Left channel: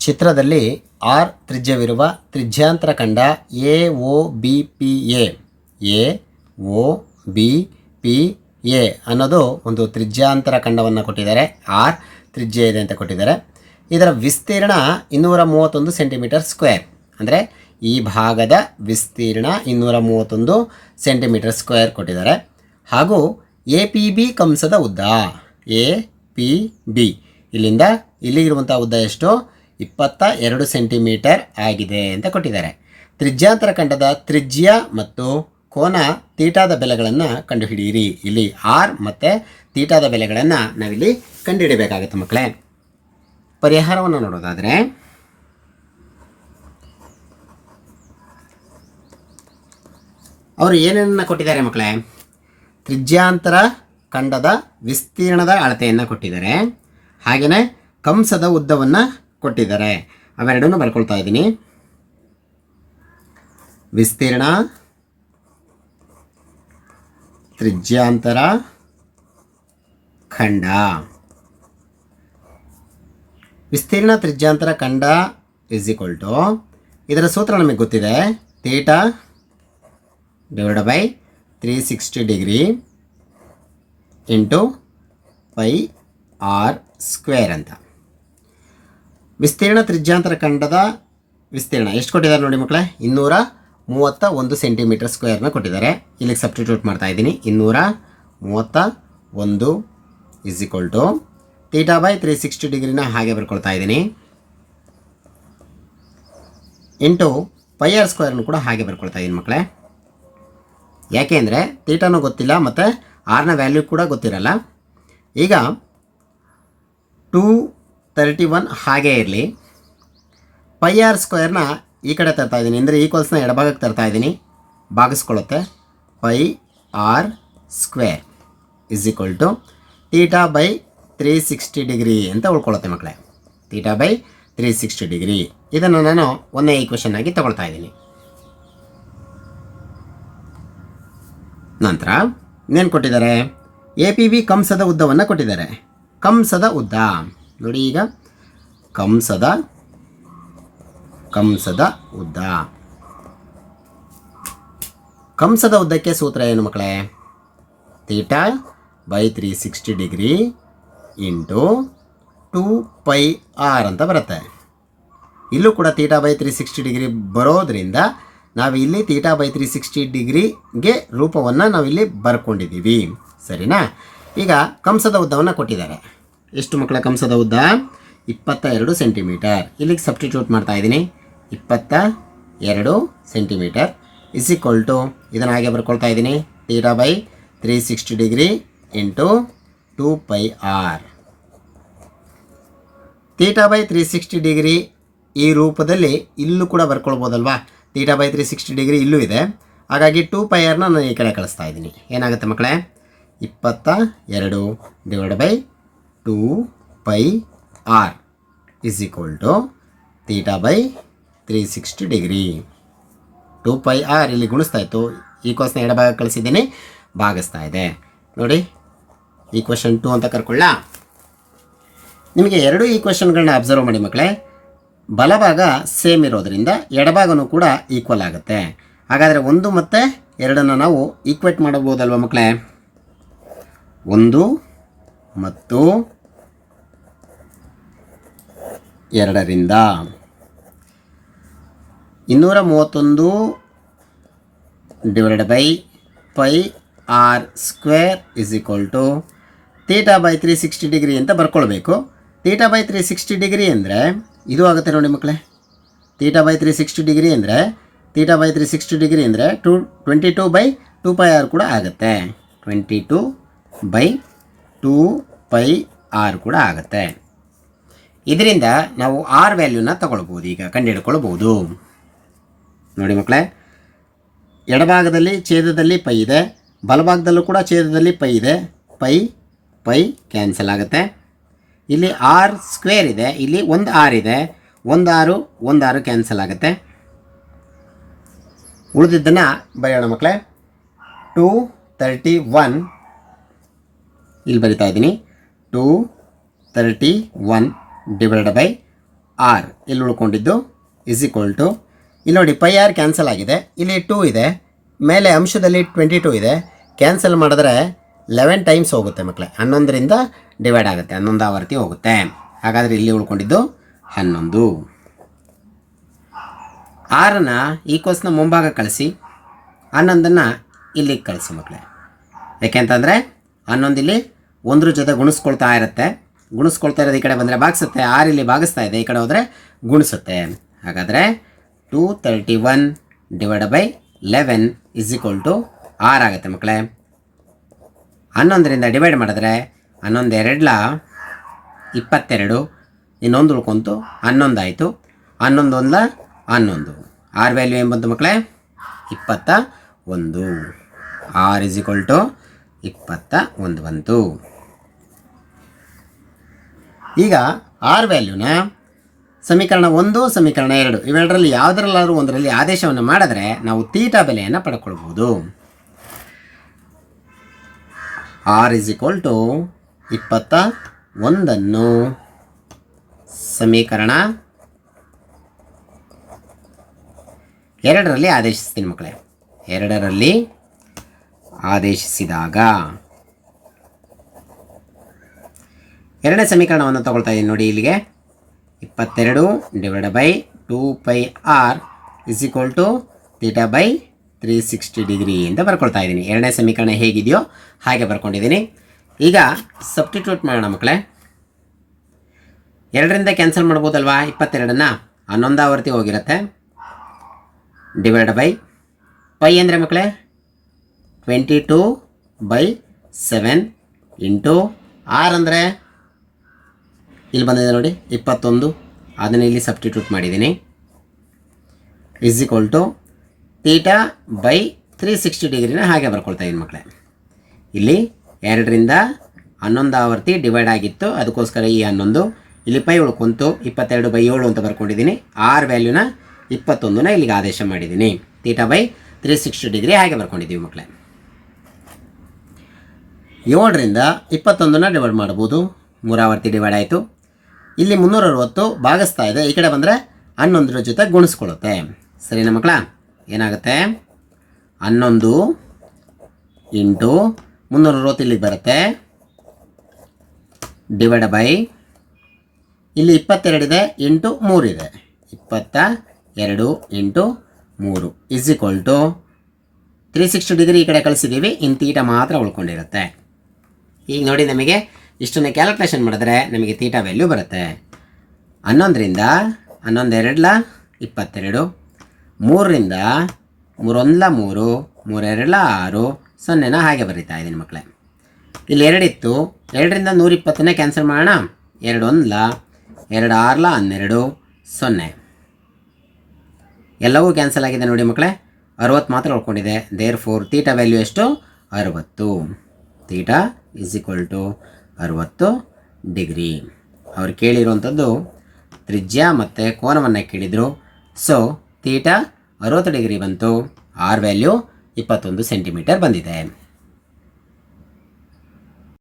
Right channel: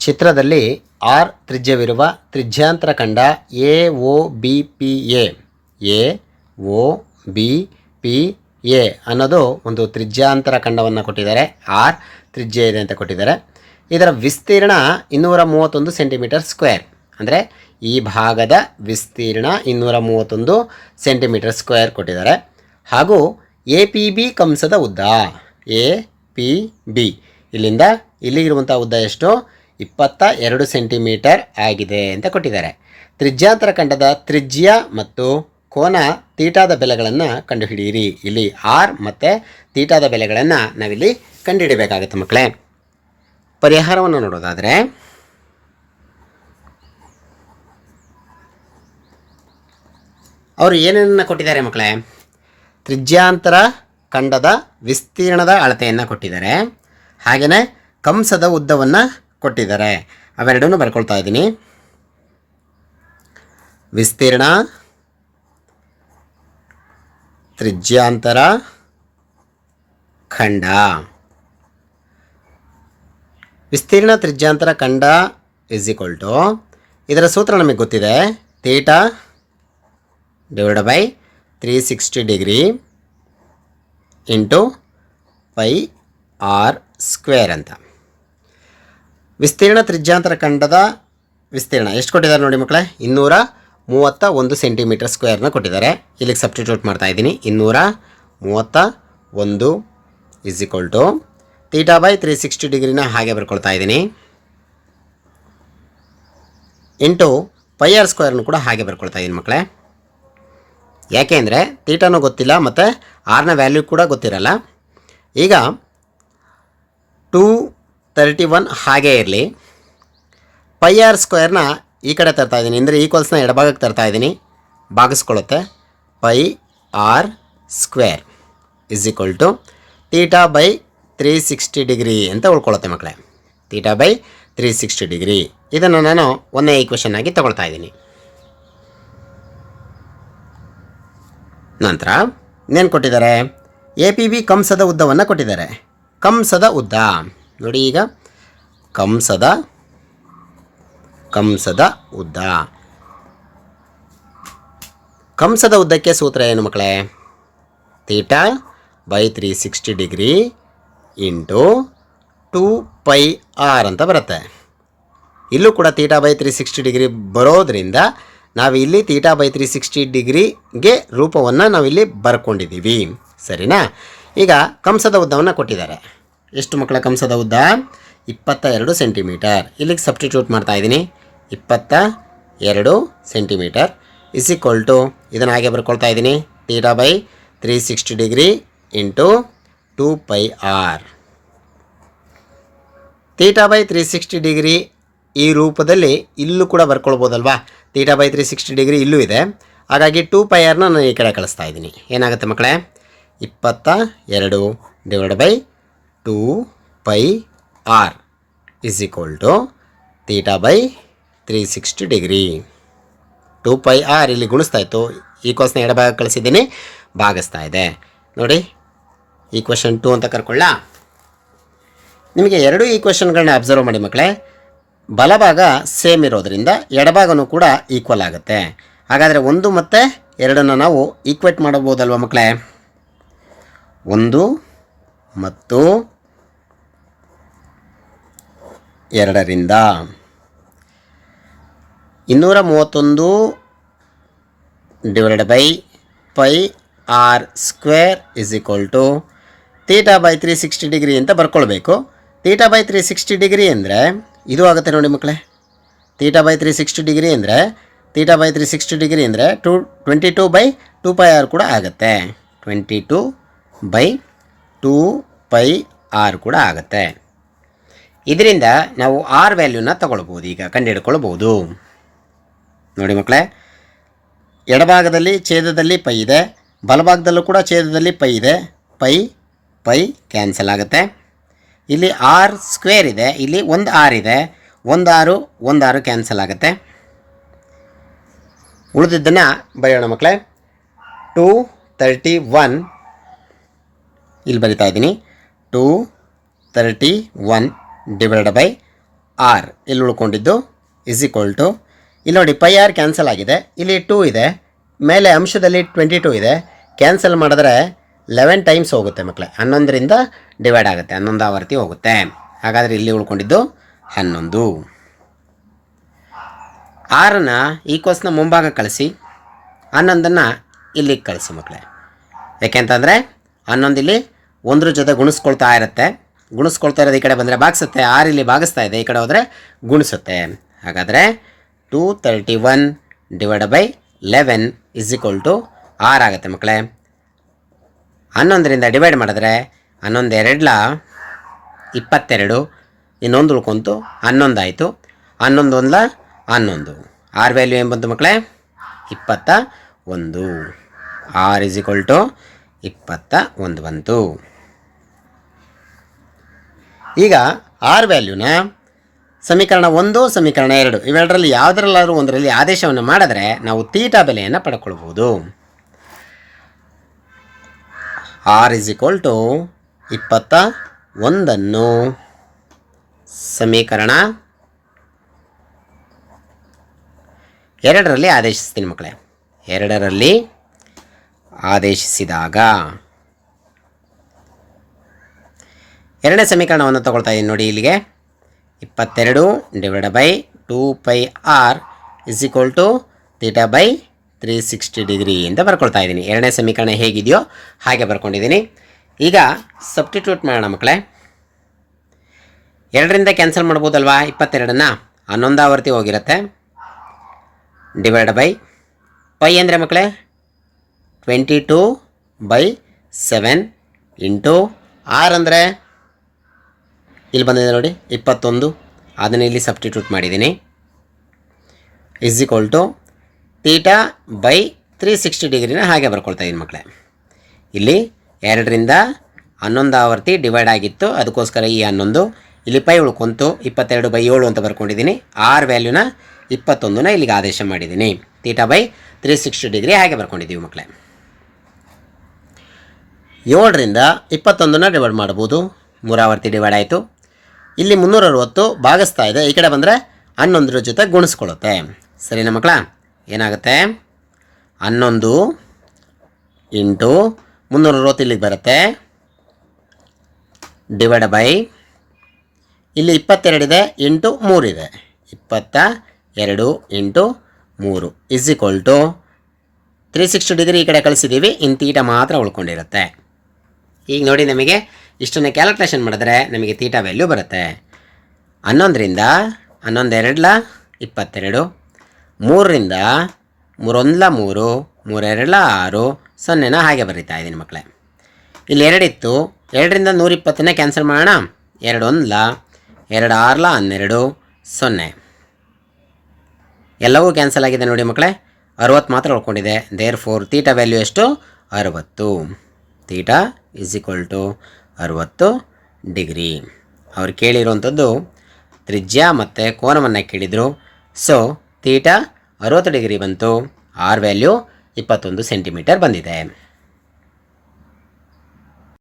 ಚಿತ್ರದಲ್ಲಿ ಆರ್ ತ್ರಿಜ್ಯವಿರುವ ತ್ರಿಜ್ಯಾಂತರ ಖಂಡ A O B, P, A. A O B, P, A ಅನ್ನೋದು ಒಂದು ತ್ರಿಜ್ಯಾಂತರ ಖಂಡವನ್ನು ಕೊಟ್ಟಿದ್ದಾರೆ. ಆರ್ ತ್ರಿಜ್ಯ ಇದೆ ಅಂತ ಕೊಟ್ಟಿದ್ದಾರೆ. ಇದರ ವಿಸ್ತೀರ್ಣ ಇನ್ನೂರ ಮೂವತ್ತೊಂದು ಸೆಂಟಿಮೀಟರ್ ಸ್ಕ್ವೇರ್. ಅಂದರೆ ಈ ಭಾಗದ ವಿಸ್ತೀರ್ಣ ಇನ್ನೂರ ಮೂವತ್ತೊಂದು ಸೆಂಟಿಮೀಟರ್ ಸ್ಕ್ವೇರ್ ಕೊಟ್ಟಿದ್ದಾರೆ. ಹಾಗೂ ಎ ಪಿ ಬಿ ಕಂಸದ ಉದ್ದ. A P B. ಇಲ್ಲಿಂದ ಇಲ್ಲಿಗಿರುವಂಥ ಉದ್ದ ಎಷ್ಟು? ಇಪ್ಪತ್ತ ಎರಡು ಸೆಂಟಿಮೀಟರ್ ಆಗಿದೆ ಅಂತ ಕೊಟ್ಟಿದ್ದಾರೆ. ತ್ರಿಜ್ಯಾಂತರ ಖಂಡದ ತ್ರಿಜ್ಯ ಮತ್ತು ಕೋನ ತೀಟಾದ ಬೆಲೆಗಳನ್ನು ಕಂಡುಹಿಡಿಯಿರಿ. ಇಲ್ಲಿ ಆರ್ ಮತ್ತು ತೀಟಾದ ಬೆಲೆಗಳನ್ನು ನಾವಿಲ್ಲಿ ಕಂಡುಹಿಡಿಬೇಕಾಗುತ್ತೆ ಮಕ್ಕಳೇ. ಪರಿಹಾರವನ್ನು ನೋಡೋದಾದರೆ, ಅವರು ಏನೇನನ್ನು ಕೊಟ್ಟಿದ್ದಾರೆ ಮಕ್ಕಳೇ? ತ್ರಿಜ್ಯಾಂತರ ಖಂಡದ ವಿಸ್ತೀರ್ಣದ ಅಳತೆಯನ್ನು ಕೊಟ್ಟಿದ್ದಾರೆ. ಹಾಗೆಯೇ ಕಂಸದ ಉದ್ದವನ್ನು ಕೊಟ್ಟಿದ್ದಾರೆ. ಅವೆರಡನ್ನು ಬರ್ಕೊಳ್ತಾ ಇದ್ದೀನಿ. ವಿಸ್ತೀರ್ಣ, ತ್ರಿಜ್ಯಾಂತರ, ಖಂಡ. ವಿಸ್ತೀರ್ಣ, ತ್ರಿಜ್ಯಾಂತರ, ಖಂಡ ಇಸ್ ಈಕ್ವಲ್ ಟು ಇದರ ಸೂತ್ರ ನಮಗೆ ಗೊತ್ತಿದೆ. Theta divide by three sixty degree into pi R square ಅಂತ. ವಿಸ್ತೀರ್ಣ ತ್ರಿಜ್ಯಾಂತರ ಖಂಡದ ವಿಸ್ತೀರ್ಣ. ಎಷ್ಟು ಕೊಟ್ಟಿದ್ದಾರೆ ನೋಡಿ ಮಕ್ಕಳೇ? ಇನ್ನೂರ ಮೂವತ್ತ ಒಂದು ಸೆಂಟಿಮೀಟರ್ ಸ್ಕ್ವೇರ್ನ ಕೊಟ್ಟಿದ್ದಾರೆ. ಇಲ್ಲಿಗೆ ಸಬ್ಸ್ಟಿಟ್ಯೂಟ್ ಮಾಡ್ತಾ ಇದ್ದೀನಿ. ಇನ್ನೂರ ಮೂವತ್ತ ಒಂದು is equal to theta by three sixty ಡಿಗ್ರಿನ ಹಾಗೆ ಬರ್ಕೊಳ್ತಾ ಇದ್ದೀನಿ. ಇಂಟು ಪೈ ಆರ್ ಸ್ಕ್ವೇರ್ನು ಕೂಡ ಹಾಗೆ ಬರ್ಕೊಳ್ತಾ ಇದ್ದೀನಿ ಮಕ್ಕಳೇ. ಯಾಕೆ ಅಂದರೆ ತೀಟಾನೂ ಗೊತ್ತಿಲ್ಲ ಮತ್ತು ಆರ್ನ ವ್ಯಾಲ್ಯೂ ಕೂಡ ಗೊತ್ತಿರಲ್ಲ. ಈಗ ಟೂ ತರ್ಟಿ ಒನ್ ಹಾಗೇ ಇರಲಿ. ಪೈ ಆರ್ ಸ್ಕ್ವೇರ್ನ ಈ ಕಡೆ ತರ್ತಾ ಇದ್ದೀನಿ. ಅಂದರೆ ಈಕ್ವಲ್ಸ್ನ ಎಡಭಾಗಕ್ಕೆ ತರ್ತಾ ಇದ್ದೀನಿ. ಭಾಗಿಸ್ಕೊಳ್ಳುತ್ತೆ. Pi R square is equal to theta by three sixty degree ಅಂತ ಉಳ್ಕೊಳ್ಳುತ್ತೆ ಮಕ್ಕಳೇ. Theta by three sixty degree ಇದನ್ನು ನಾನು ಒಂದೇ ಈಕ್ವೇಷನ್ ಆಗಿ ತಗೊಳ್ತಾ ಇದ್ದೀನಿ. ನಂತರ ಇನ್ನೇನು ಕೊಟ್ಟಿದ್ದಾರೆ? ಎ ಪಿ ಬಿ ಕಂಸದ ಉದ್ದವನ್ನು ಕೊಟ್ಟಿದ್ದಾರೆ. ಕಂಸದ ಉದ್ದ. ನೋಡಿ ಈಗ. ಕಂಸದ ಕಂಸದ ಉದ್ದ. ಕಂಸದ ಉದ್ದಕ್ಕೆ ಸೂತ್ರ ಏನು ಮಕ್ಕಳೇ? Theta by three sixty degree into two pi R ಅಂತ ಬರುತ್ತೆ. ಇಲ್ಲೂ ಕೂಡ theta by three sixty degree ಬರೋದ್ರಿಂದ ನಾವು ಇಲ್ಲಿ ತೀಟಾ ಬೈ ತ್ರೀ ಸಿಕ್ಸ್ಟಿ ಡಿಗ್ರಿಗೆ ರೂಪವನ್ನು ನಾವಿಲ್ಲಿ ಬರ್ಕೊಂಡಿದ್ದೀವಿ. ಸರಿನಾ? ಈಗ ಕಂಸದ ಉದ್ದವನ್ನು ಕೊಟ್ಟಿದ್ದಾರೆ. ಎಷ್ಟು ಮಕ್ಕಳ ಕಂಸದ ಉದ್ದ? ಇಪ್ಪತ್ತ ಎರಡು ಸೆಂಟಿಮೀಟರ್. ಇಲ್ಲಿಗೆ ಸಬ್ಸ್ಟಿಟ್ಯೂಟ್ ಮಾಡ್ತಾ ಇದ್ದೀನಿ. ಇಪ್ಪತ್ತ ಎರಡು ಸೆಂಟಿಮೀಟರ್. ಇಸ್ ಈಕ್ವಲ್ ಟು ಇದನ್ನು ಹಾಗೆ ಬರ್ಕೊಳ್ತಾ ಇದ್ದೀನಿ. Theta by three sixty degree into two pi R theta by three sixty degree ಈ ರೂಪದಲ್ಲಿ ಇಲ್ಲೂ ಕೂಡ ಬರ್ಕೊಳ್ಬೋದಲ್ವಾ? Theta by three sixty degree ಇಲ್ಲೂ ಇದೆ. ಹಾಗಾಗಿ ಟೂ ಪೈ ಆರ್ನ ನಾನು ಈ ಕಡೆ ಕಳಿಸ್ತಾ ಇದ್ದೀನಿ. ಏನಾಗುತ್ತೆ ಮಕ್ಕಳೇ? ಇಪ್ಪತ್ತ ಎರಡು divide by two pi R is equal to theta by three sixty degree. Two pi R ಇಲ್ಲಿ ಗುಣಿಸ್ತಾ ಇತ್ತು. ಈ ಕ್ವಶನ್ ಎಡಭಾಗ ಕಳಿಸಿದ್ದೀನಿ. ಭಾಗಿಸ್ತಾ ಇದೆ. ನೋಡಿ ಈ ಕ್ವಶನ್ ಟು ಅಂತ ಕರ್ಕೊಳ್ಳ? ನಿಮಗೆ ಎರಡು ಈ ಕ್ವಶನ್ಗಳನ್ನ ಅಬ್ಸರ್ವ್ ಮಾಡಿ ಮಕ್ಕಳೇ ಬಲಭಾಗ ಸೇಮ್ ಇರೋದರಿಂದ ಎಡಭಾಗನೂ ಕೂಡ ಈಕ್ವಲ್ ಆಗುತ್ತೆ. ಹಾಗಾದರೆ ಒಂದು ಮತ್ತು ಎರಡನ್ನು ನಾವು ಈಕ್ವೇಟ್ ಮಾಡಬಹುದಲ್ವ ಮಕ್ಕಳೇ ಒಂದು ಮತ್ತು ಎರಡರಿಂದ ಇನ್ನೂರ ಮೂವತ್ತೊಂದು divided by pi R square is equal to theta by three sixty degree ಅಂತ ಬರ್ಕೊಳ್ಬೇಕು. Theta by three sixty degree ಅಂದರೆ ಇದು ಆಗುತ್ತೆ ನೋಡಿ ಮಕ್ಕಳೇ. Theta by three sixty degree ಅಂದರೆ theta by three sixty degree ಅಂದರೆ two twenty two by two pi R ಕೂಡ ಆಗುತ್ತೆ. Twenty two by two pi R ಕೂಡ ಆಗುತ್ತೆ. ಇದರಿಂದ ನಾವು ಆರ್ ವ್ಯಾಲ್ಯೂನ ತಗೊಳ್ಬೋದು ಈಗ ಕಂಡುಹಿಡ್ಕೊಳ್ಬೋದು ನೋಡಿ ಮಕ್ಕಳೇ, ಎಡಭಾಗದಲ್ಲಿ ಛೇದದಲ್ಲಿ ಪೈ ಇದೆ, ಬಲಭಾಗದಲ್ಲೂ ಕೂಡ ಛೇದದಲ್ಲಿ ಪೈ ಇದೆ, ಪೈ ಪೈ ಕ್ಯಾನ್ಸಲ್ ಆಗುತ್ತೆ. ಇಲ್ಲಿ ಆರ್ ಸ್ಕ್ವೇರ್ ಇದೆ, ಇಲ್ಲಿ ಒಂದು ಆರ್ ಇದೆ, ಒಂದು ಆರು ಒಂದು ಆರು ಕ್ಯಾನ್ಸಲ್ ಆಗುತ್ತೆ. ಉಳಿದಿದ್ದನ್ನು ಬರೆಯೋಣ ಮಕ್ಕಳೇ, ಟೂ ತರ್ಟಿ ಒನ್ ಇಲ್ಲಿ ಬರಿತಾ ಇದ್ದೀನಿ. Two thirty one divide by r ಇಲ್ಲಿ ಉಳ್ಕೊಂಡಿದ್ದು ಇಸ್ ಈಕ್ವಲ್ ಟು ಇಲ್ಲಿ ನೋಡಿ ಪೈ ಆರ್ ಕ್ಯಾನ್ಸಲ್ ಆಗಿದೆ. ಇಲ್ಲಿ ಟೂ ಇದೆ. ಮೇಲೆ ಅಂಶದಲ್ಲಿ ಟ್ವೆಂಟಿ ಟೂ ಇದೆ. ಕ್ಯಾನ್ಸಲ್ ಮಾಡಿದ್ರೆ ಲೆವೆನ್ ಟೈಮ್ಸ್ ಹೋಗುತ್ತೆ ಮಕ್ಕಳೇ ಹನ್ನೊಂದರಿಂದ ಡಿವೈಡ್ ಆಗುತ್ತೆ. ಹನ್ನೊಂದು ಆವರ್ತಿ ಹೋಗುತ್ತೆ. ಹಾಗಾದರೆ ಇಲ್ಲಿ ಉಳ್ಕೊಂಡಿದ್ದು ಹನ್ನೊಂದು. ಆರನ್ನು ಈ ಕೋಸ್ನ ಮುಂಭಾಗ ಕಳಿಸಿ. ಹನ್ನೊಂದನ್ನು ಇಲ್ಲಿಗೆ ಕಳಿಸಿ ಮಕ್ಕಳೇ ಯಾಕೆಂತಂದರೆ ಹನ್ನೊಂದು ಇಲ್ಲಿ ಒಂದ್ರ ಜೊತೆ ಗುಣಿಸ್ಕೊಳ್ತಾ ಇರುತ್ತೆ. ಗುಣಿಸ್ಕೊಳ್ತಾ ಇರೋದು ಈ ಕಡೆ ಬಂದರೆ ಭಾಗಿಸುತ್ತೆ. ಆರು ಇಲ್ಲಿ ಭಾಗಿಸ್ತಾ ಇದೆ. ಈ ಕಡೆ ಹೋದರೆ ಗುಣಿಸುತ್ತೆ. ಹಾಗಾದರೆ two thirty one divide by eleven is equal to r ಆಗುತ್ತೆ ಮಕ್ಕಳೇ. ಹನ್ನೊಂದರಿಂದ ಡಿವೈಡ್ ಮಾಡಿದ್ರೆ ಹನ್ನೊಂದು ಎರಡ್ಲ ಇಪ್ಪತ್ತೆರಡು. ಇನ್ನೊಂದು ಉಳ್ಕೊಂತು ಹನ್ನೊಂದು ಆಯಿತು. ಹನ್ನೊಂದು ಒಂದ್ಲ ಹನ್ನೊಂದು. ಆರ್ ವ್ಯಾಲ್ಯೂ ಏನು ಬಂತು ಮಕ್ಕಳೇ? ಇಪ್ಪತ್ತ ಒಂದು. ಆರ್ ಇಸ್ ಈಕ್ವಲ್ ಟು ಇಪ್ಪತ್ತ ಒಂದು ಬಂತು. ಈಗ ಆರ್ ವ್ಯಾಲ್ಯೂನ ಸಮೀಕರಣ ಒಂದು, ಸಮೀಕರಣ ಎರಡು, ಇವೆರಡರಲ್ಲಿ ಯಾವುದರಲ್ಲಾದರೂ ಒಂದರಲ್ಲಿ ಆದೇಶವನ್ನು ಮಾಡಿದ್ರೆ ನಾವು ತೀಟಾ ಬೆಲೆಯನ್ನು ಪಡ್ಕೊಳ್ಬೋದು. ಆರ್ ಇಸ್ ಈಕ್ವಲ್ ಟು ಇಪ್ಪತ್ತ ಒಂದನ್ನು ಸಮೀಕರಣ ಎರಡರಲ್ಲಿ ಆದೇಶಿಸ್ತೀನಿ ಮಕ್ಕಳೇ. ಎರಡರಲ್ಲಿ ಆದೇಶಿಸಿದಾಗ. ಎರಡನೇ ಸಮೀಕರಣವನ್ನು ತಗೊಳ್ತಾ ಇದ್ದೀನಿ ನೋಡಿ ಇಲ್ಲಿಗೆ. ಇಪ್ಪತ್ತೆರಡು divide by two pi r is equal to theta by three sixty degree ಅಂತ ಬರ್ಕೊಳ್ತಾ ಇದ್ದೀನಿ ಎರಡನೇ ಸಮೀಕರಣ ಹೇಗಿದೆಯೋ ಹಾಗೆ ಬರ್ಕೊಂಡಿದ್ದೀನಿ ಈಗ ಸಬ್ಸ್ಟಿಟ್ಯೂಟ್ ಮಾಡೋಣ ಮಕ್ಕಳೇ. ಎರಡರಿಂದ ಕ್ಯಾನ್ಸಲ್ ಮಾಡ್ಬೋದಲ್ವಾ? ಇಪ್ಪತ್ತೆರಡನ್ನ? ಹನ್ನೊಂದಾವರ್ತಿ ಹೋಗಿರುತ್ತೆ. ಡಿವೈಡ್ ಬೈ ಪೈ ಅಂದರೆ ಮಕ್ಕಳೇ twenty two by seven into r ಅಂದರೆ ಇಲ್ಲಿ ಬಂದಿದೆ ನೋಡಿ, ಇಪ್ಪತ್ತೊಂದು. ಅದನ್ನು ಇಲ್ಲಿ ಸಬ್ಸ್ಟಿಟ್ಯೂಟ್ ಮಾಡಿದ್ದೀನಿ. Is equal to theta by three sixty ಡಿಗ್ರಿನ ಹಾಗೆ ಬರ್ಕೊಳ್ತಾ ಇದ್ದೀನಿ ಮಕ್ಕಳೇ. ಇಲ್ಲಿ ಎರಡರಿಂದ ಹನ್ನೊಂದು ಆವರ್ತಿ ಡಿವೈಡ್ ಆಗಿತ್ತು. ಅದಕ್ಕೋಸ್ಕರ ಈ ಹನ್ನೊಂದು, ಇಲ್ಲಿ ಪೈ ಉಳ್ಕೊಂತು ಇಪ್ಪತ್ತೆರಡು ಬೈ ಏಳು ಅಂತ ಬರ್ಕೊಂಡಿದ್ದೀನಿ. ಆರ್ ವ್ಯಾಲ್ಯೂನ ಇಪ್ಪತ್ತೊಂದನ್ನ ಇಲ್ಲಿಗೆ ಆದೇಶ ಮಾಡಿದ್ದೀನಿ. Theta by three sixty degree ಹಾಗೆ ಬರ್ಕೊಂಡಿದ್ದೀವಿ ಮಕ್ಕಳೇ. ಏಳರಿಂದ ಇಪ್ಪತ್ತೊಂದನ್ನು ಡಿವೈಡ್ ಮಾಡ್ಬೋದು ಮೂರಾವರ್ತಿ ಡಿವೈಡ್ ಆಯಿತು. ಇಲ್ಲಿ ಮುನ್ನೂರ ಅರವತ್ತು ಭಾಗಿಸ್ತಾ ಇದೆ. ಈ ಕಡೆ ಬಂದರೆ ಹನ್ನೊಂದರ ಜೊತೆ ಗುಣಿಸ್ಕೊಳ್ಳುತ್ತೆ. ಸರಿನಾ ಮಕ್ಕಳ? ಏನಾಗುತ್ತೆ? ಹನ್ನೊಂದು ಇಂಟು ಮುನ್ನೂರ ಅರವತ್ತು ಇಲ್ಲಿಗೆ ಬರುತ್ತೆ. ಡಿವೈಡ್ ಬೈ ಇಲ್ಲಿ ಇಪ್ಪತ್ತೆರಡಿದೆ ಇಂಟು ಮೂರಿದೆ ಇಪ್ಪತ್ತ ಎರಡು ಇಂಟು ಮೂರು is equal to three sixty degree ಈ ಕಡೆ ಕಳಿಸಿದ್ದೀವಿ. ಇನ್ ತೀಟ ಮಾತ್ರ ಉಳ್ಕೊಂಡಿರುತ್ತೆ. ಈಗ ನೋಡಿ ನಮಗೆ ಇಷ್ಟನ್ನು ಕ್ಯಾಲ್ಕುಲೇಷನ್ ಮಾಡಿದ್ರೆ ನಮಗೆ ತೀಟಾ ವ್ಯಾಲ್ಯೂ ಬರುತ್ತೆ. ಹನ್ನೊಂದರಿಂದ ಹನ್ನೊಂದೆರಡ್ಲ ಇಪ್ಪತ್ತೆರಡು, ಮೂರರಿಂದ ಮೂರೊಂದ್ಲ ಮೂರು, ಮೂರೆರಡ್ಲ ಆರು, ಸೊನ್ನೆನ ಹಾಗೆ ಬರೀತಾ ಇದ್ದೀನಿ ಮಕ್ಕಳೇ. ಇಲ್ಲಿ ಎರಡಿತ್ತು, ಎರಡರಿಂದ ನೂರಿಪ್ಪತ್ತನ್ನೇ ಕ್ಯಾನ್ಸಲ್ ಮಾಡೋಣ. ಎರಡು ಒಂದ್ಲ ಎರಡು ಆರ್ಲ ಹನ್ನೆರಡು, ಸೊನ್ನೆ. ಎಲ್ಲವೂ ಕ್ಯಾನ್ಸಲ್ ಆಗಿದೆ ನೋಡಿ ಮಕ್ಕಳೇ. ಅರವತ್ತು ಮಾತ್ರ ಉಳ್ಕೊಂಡಿದೆ. ದೇರ್ ಫೋರ್ ತೀಟ ವ್ಯಾಲ್ಯೂ ಎಷ್ಟು? ಅರವತ್ತು. ತೀಟಾ ಇಸ್ ಈಕ್ವಲ್ ಟು ಅರವತ್ತು ಡಿಗ್ರಿ. ಅವ್ರು ಕೇಳಿರುವಂಥದ್ದು ತ್ರಿಜ್ಯ ಮತ್ತು ಕೋನವನ್ನು ಕೇಳಿದರು. ಸೊ ತೀಟಾ ಅರವತ್ತು ಡಿಗ್ರಿ ಬಂತು. ಆರ್ ವ್ಯಾಲ್ಯೂ ಇಪ್ಪತ್ತೊಂದು ಸೆಂಟಿಮೀಟರ್ ಬಂದಿದೆ.